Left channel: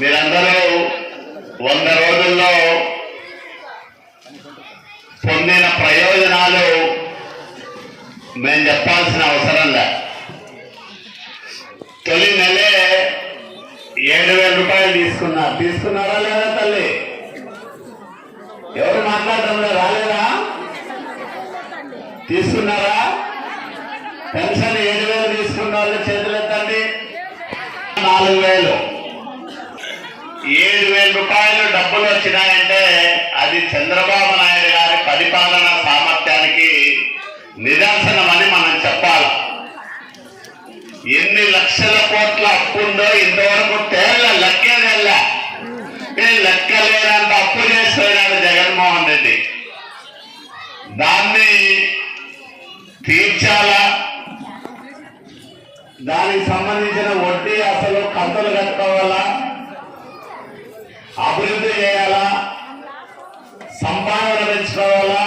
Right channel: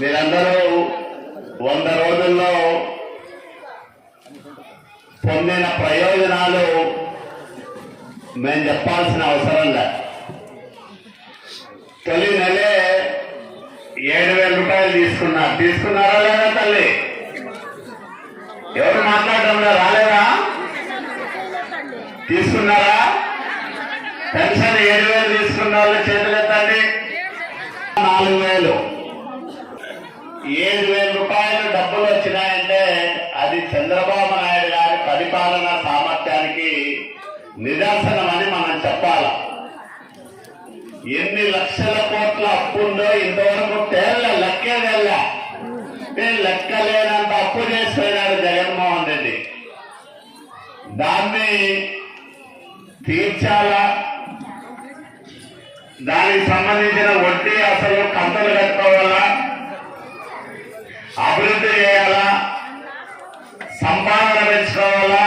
మీరందరూ 100 రోజుల్లో పొందిన ప్రయోజనాలు మేము చెప్పాల్సిన అవసరం లే. తొలి నెలే 7,000 రూపాయలు తీసుకున్నారా లేదా తల్లి? ఎవరు మాట్లాడటంలో రాలేదా? తీసుకున్నారా? పెన్షన్ 7,000 తీసుకున్న వాళ్ళు చేతులు ఎత్తండి. 4,000 7,000 రూపాయలు డబ్బులు వచ్చినాయంటే అది చంద్రబాబు నాయుడు గారి పరిపాలనా సామర్థ్యానికి నిదర్శనమని మనం చెప్పాలి. ఎన్ని లక్షల కోట్ల అప్పు ఉందో ఇంతవరకు లెక్కేదల్లా. లెక్కలేనంత అప్పు చేస్తున్నాడు జగన్మోహన్ రెడ్డి. దాన్ని తీర్చాలా, దానికి సంబంధించిన వడ్డీ అసలు కంతులు కట్టుకోవాలా, అభివృద్ధి చేయాలా, సంపాదన పెంచుకోవాలా,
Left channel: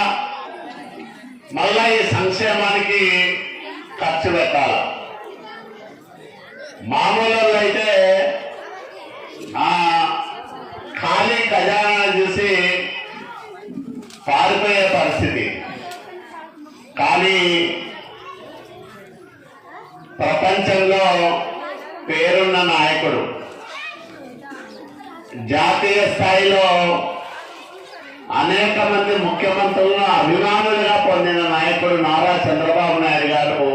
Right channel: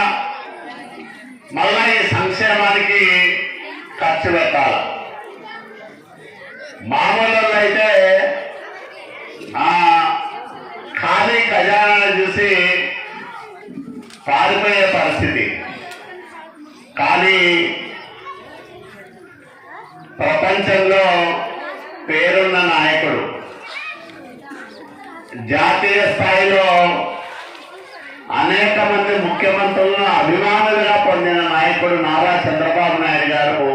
మళ్ళా ఈ సంక్షేమానికి ఖర్చు పెట్టాలి. మామూలు అయితే ఖాళీ ఖజానా చూసి పారిపోయే పరిస్థితి. కానీ ప్రపంచంలో పేరున్న నాయకుడు, జాతీయ స్థాయిలో అనేక మంది ముఖ్యమంత్రులను అభిమానులుగా పొందిన నాయకుడు నారా చంద్రబాబు నాయుడు గారు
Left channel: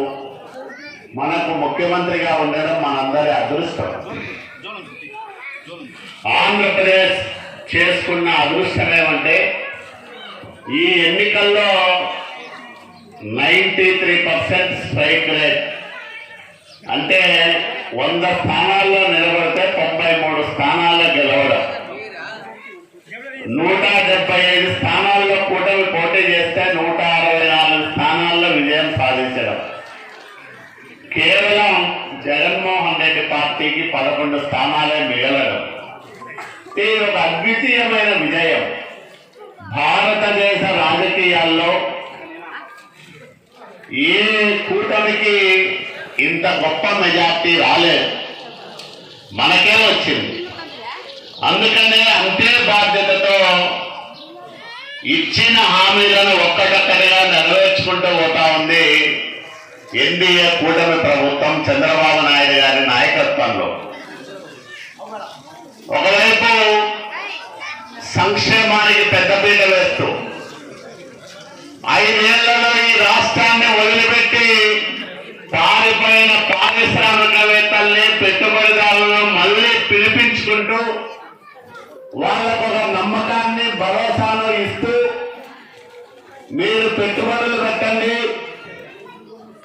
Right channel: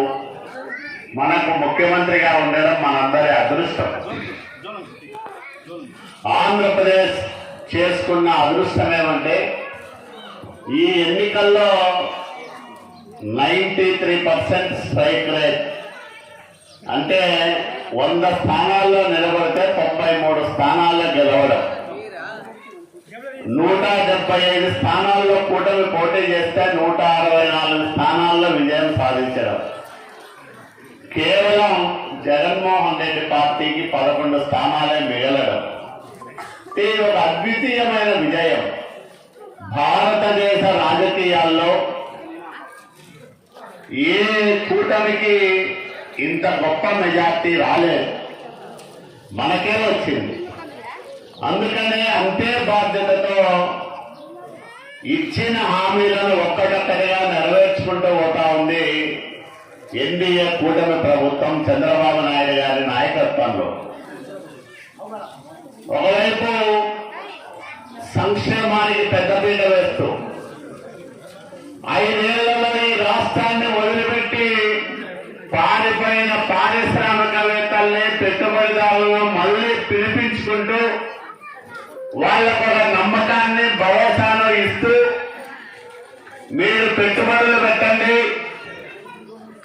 మనకు ముఖ్యమంత్రిగా ఉండడం మనందరి అదృష్టం. ఆంధ్రప్రదేశ్ చేసుకున్న అదృష్టం ఏమంటే ఈ ఎన్నికల్లో 93% స్ట్రైక్ రేట్. అంటే 100 స్థానాల్లో నిలబడితే 93 స్థానాల్లో గెలవడం, 175 స్థానాల్లో కూటమి పోటీ చేస్తే 164 స్థానాల్లో విజయం సాధించడం. కేవలం జగన్మోహన్ రెడ్డి పార్టీకి 11 స్థానాలే మిగలడం. ఇది ఒక అద్వితీయమైన విజయం. భారతదేశ రాజకీయాల్లో ఏ కూటమికి ఇంత గొప్ప మెజార్టీ రాలేదు, మనకే వచ్చింది. అందుకనే అంతే బాధ్యతతో ఇచ్చిన హామీలను ఒక్కటొక్కటిగా నెరవేర్చుకుంటూ పోతా ఉంది ఎన్డీఏ కూటమి ప్రభుత్వం చంద్రబాబు నాయుడు గారి నాయకత్వంలో. ఒకవైపు సంక్షేమానికి పెద్దపీట వేస్తూ 5 ఏళ్లలో ఈ రాష్ట్రాన్ని వదిలిపెట్టి పారిపోయిన పారిశ్రామికవేత్తల్ని, పెట్టుబడిదారులను మళ్లీ పిలిపించుకుంటూ వాళ్లకు ఒక నమ్మకాన్ని, భరోసాను ఇస్తూ మీరు పెట్టుబడులు పెట్టండి,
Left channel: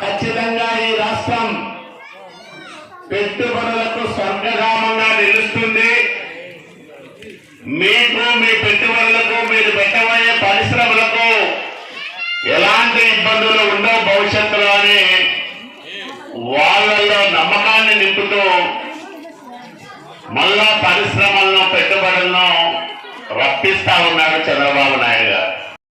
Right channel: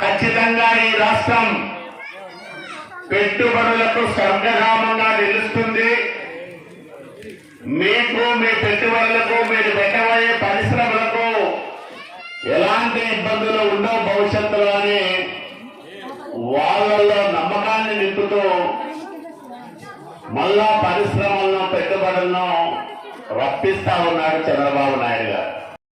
ఖచ్చితంగా ఈ రాష్ట్రం పెట్టుబడులకు స్వర్గధామంగా నిలుస్తుంది, మీకు, మీ పెట్టుబడులకు, మీరు పెట్టబోయే పరిశ్రమలకు ఎలాంటి ఇబ్బందులు ఉండవు భవిష్యత్తులో అని వాళ్ళల్లో నమ్మకాన్ని నింపుతూ మళ్ళా పరిశ్రమలను, పెట్టుబడులను రప్పిస్తా ఉన్నాడు చంద్రబాబు నాయుడు గారు.